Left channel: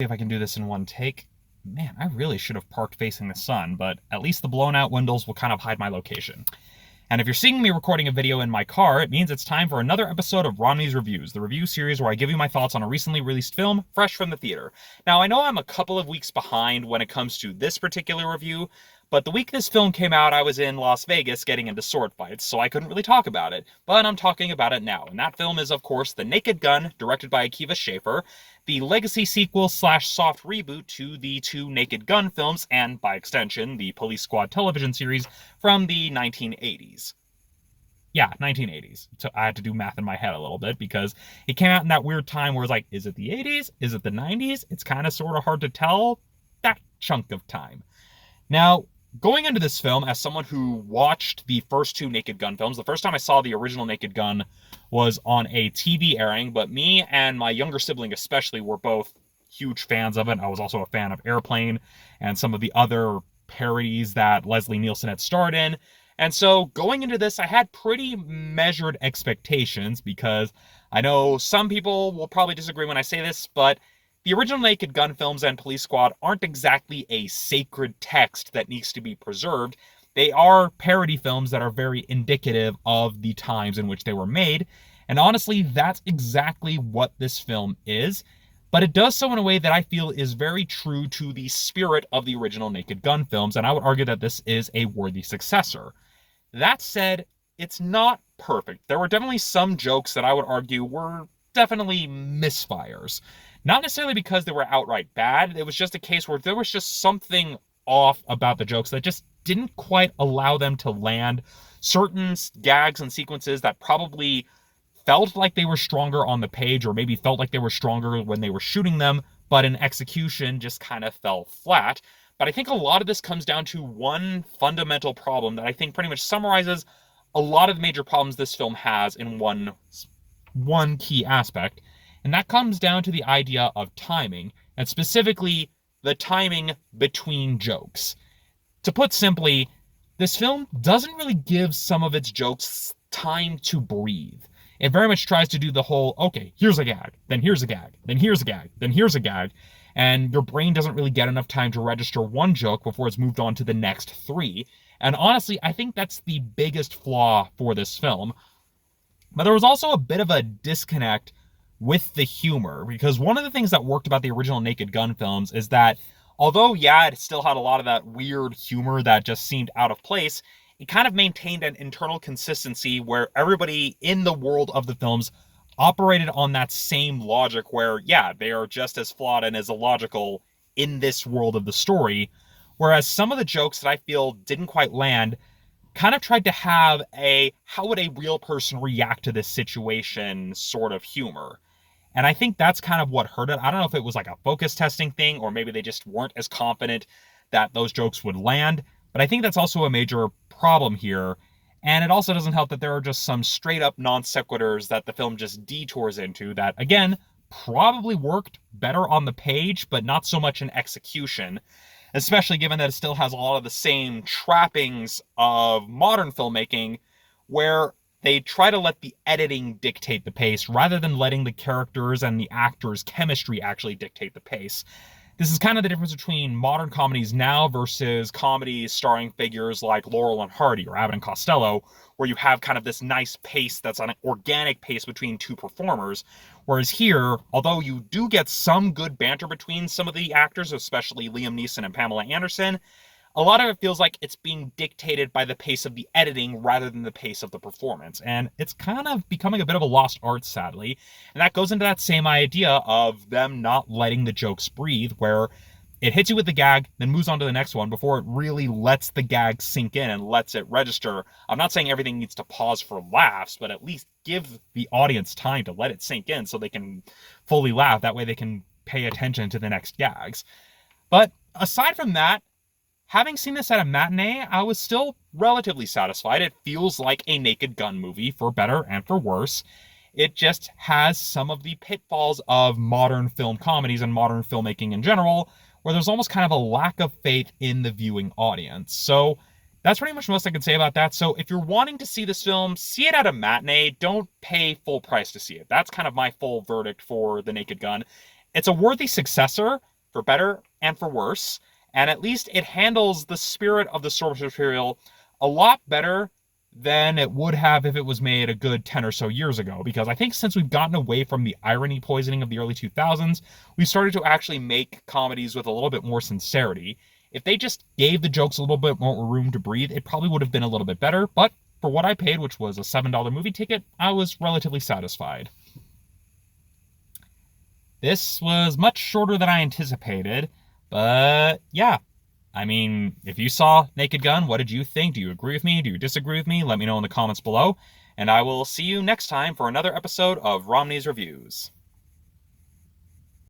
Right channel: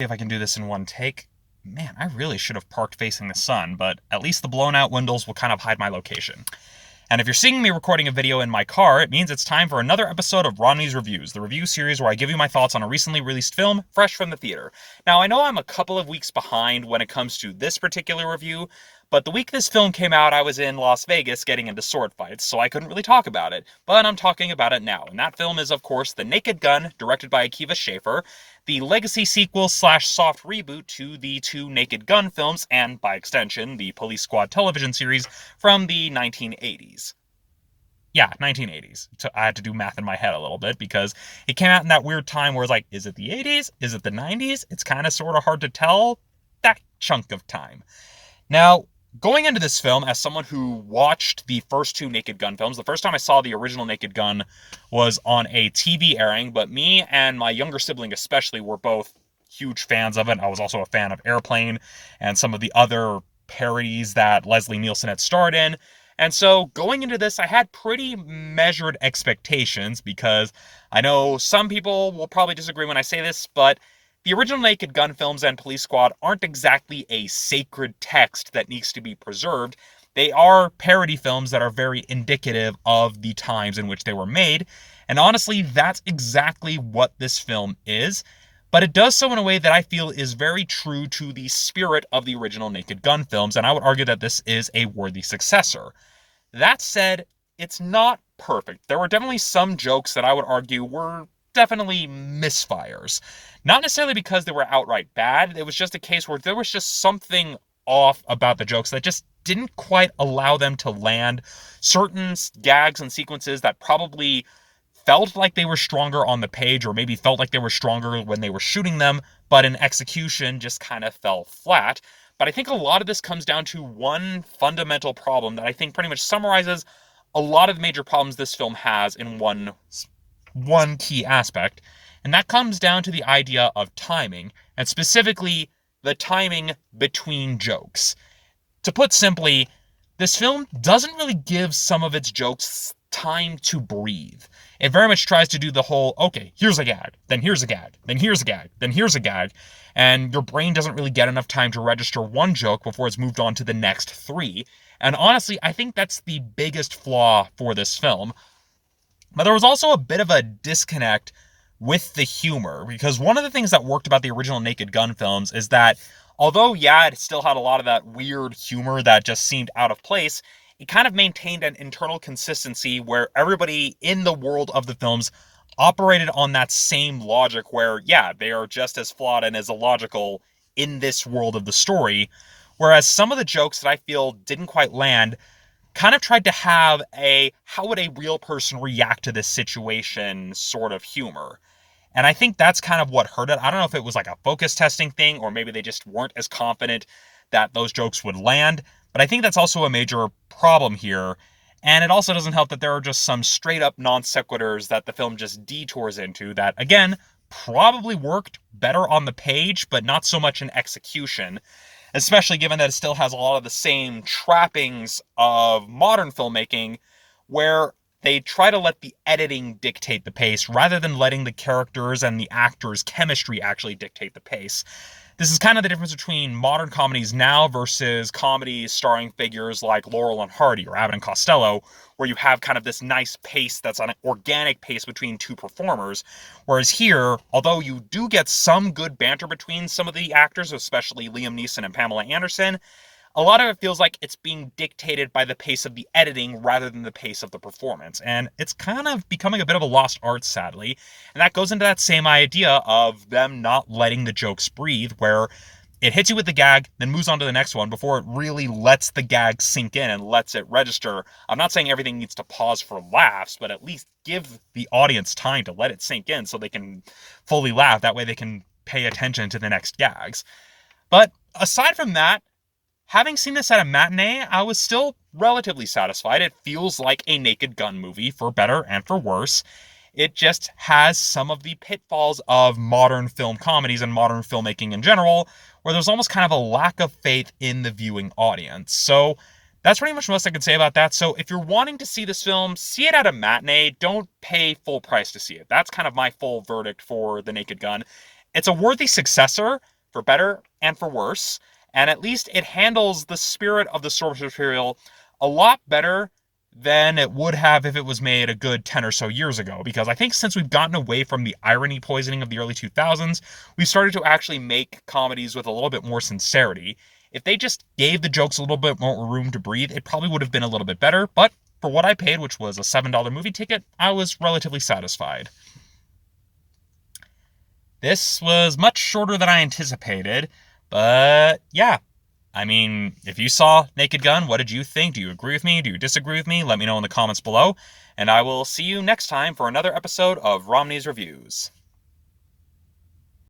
If I can do this in one take. Man, I really should have parked facing the sun, but at least the blown out windows will kind of hide my location. And if you're seeing me recording a video in my car, it means it's time for another episode of Romney's Reviews, the review series where I give you my thoughts on a recently released film, fresh from the theater. Now, I know I'm a couple of weeks behind when it comes to this particular review, but the week this film came out, I was in Las Vegas getting into sword fights, so I couldn't really talk about it. But I'm talking about it now, and that film is, of course, The Naked Gun, directed by Akiva Schaffer, the legacy sequel slash soft reboot to the two Naked Gun films, and by extension, the Police Squad television series from the 1980s. Yeah, 1980s. So I had to do math in my head a little bit because it came out in that weird time where it's like, is it the 80s? Is it the 90s? It's kind of sort of hard to tell. That chunk of time. Now, going into this film, as someone who watched the first two Naked Gun films, the first time I saw the original Naked Gun was on a TV airing, but me and my younger sibling especially were both huge fans of it. I was also a fan of Airplane and some of the other parodies that Leslie Nielsen had starred in. And so going into this, I had pretty measured expectations because I know some people will probably disagree when I say this, but the original Naked Gun films and Police Squad aren't exactly a sacred text that needs to be preserved. They are parody films that are very indicative of the times in which they were made. And honestly, that's exactly what this film is. But it does so in a way that I feel is very true to the spirit of the original Naked Gun films, and I would argue that this is a worthy successor. That said, it's not perfect. There were definitely some jokes that I would argue were definitely misfires. Not necessarily because they were outright bad, it was just a case where there was just something off about the jokes that just didn't quite allow them to land certain gags and sequences that probably felt like they were stronger on the page, or maybe felt like they were stronger when they were shooting them, but in execution just kind of fell flat. But I think a lot of this comes down to one fundamental problem that I think pretty much summarizes a lot of the major problems this film has in one key aspect, and that comes down to the idea of timing, and specifically the timing between jokes. To put simply, this film doesn't really give some of its jokes time to breathe. It very much tries to do the whole, okay, here's a gag, then here's a gag, then here's a gag, then here's a gag, and your brain doesn't really get enough time to register one joke before it's moved on to the next three. And honestly, I think that's the biggest flaw for this film. But there was also a bit of a disconnect with the humor, because one of the things that worked about the original Naked Gun films is that although, yeah, it still had a lot of that weird humor that just seemed out of place, it kind of maintained an internal consistency where everybody in the world of the films operated on that same logic where, yeah, they are just as flawed and as illogical in this world of the story. Whereas some of the jokes that I feel didn't quite land kind of tried to have a how would a real person react to this situation sort of humor. And I think that's kind of what hurt it. I don't know if it was like a focus testing thing, or maybe they just weren't as confident that those jokes would land. But I think that's also a major problem here. And it also doesn't help that there are just some straight up non sequiturs that the film just detours into that, again, probably worked better on the page, but not so much in execution. Especially given that it still has a lot of the same trappings of modern filmmaking, where they try to let the editing dictate the pace rather than letting the characters and the actors' chemistry actually dictate the pace. This is kind of the difference between modern comedies now versus comedies starring figures like Laurel and Hardy or Abbott and Costello, where you have kind of this nice pace that's an organic pace between two performers. Whereas here, although you do get some good banter between some of the actors, especially Liam Neeson and Pamela Anderson, a lot of it feels like it's being dictated by the pace of the editing rather than the pace of the performance. And it's kind of becoming a bit of a lost art, sadly. And that goes into that same idea of them not letting the jokes breathe, where it hits you with the gag, then moves on to the next one before it really lets the gag sink in and lets it register. I'm not saying everything needs to pause for laughs, but at least give the audience time to let it sink in so they can fully laugh. That way they can pay attention to the next gags. But aside from that, having seen this at a matinee, I was still relatively satisfied. It feels like a Naked Gun movie, for better and for worse. It just has some of the pitfalls of modern film comedies and modern filmmaking in general, where there's almost kind of a lack of faith in the viewing audience. So that's pretty much most I can say about that. So if you're wanting to see this film, see it at a matinee. Don't pay full price to see it. That's kind of my full verdict for The Naked Gun. It's a worthy successor, for better and for worse, and at least it handles the spirit of the source material a lot better than it would have if it was made a good 10 or so years ago. Because I think since we've gotten away from the irony poisoning of the early 2000s, we've started to actually make comedies with a little bit more sincerity. If they just gave the jokes a little bit more room to breathe, it probably would have been a little bit better. But for what I paid, which was a $7 movie ticket, I was relatively satisfied. This was much shorter than I anticipated, but yeah. I mean, if you saw Naked Gun, what did you think? Do you agree with me? Do you disagree with me? Let me know in the comments below, and I will see you next time for another episode of Romney's Reviews.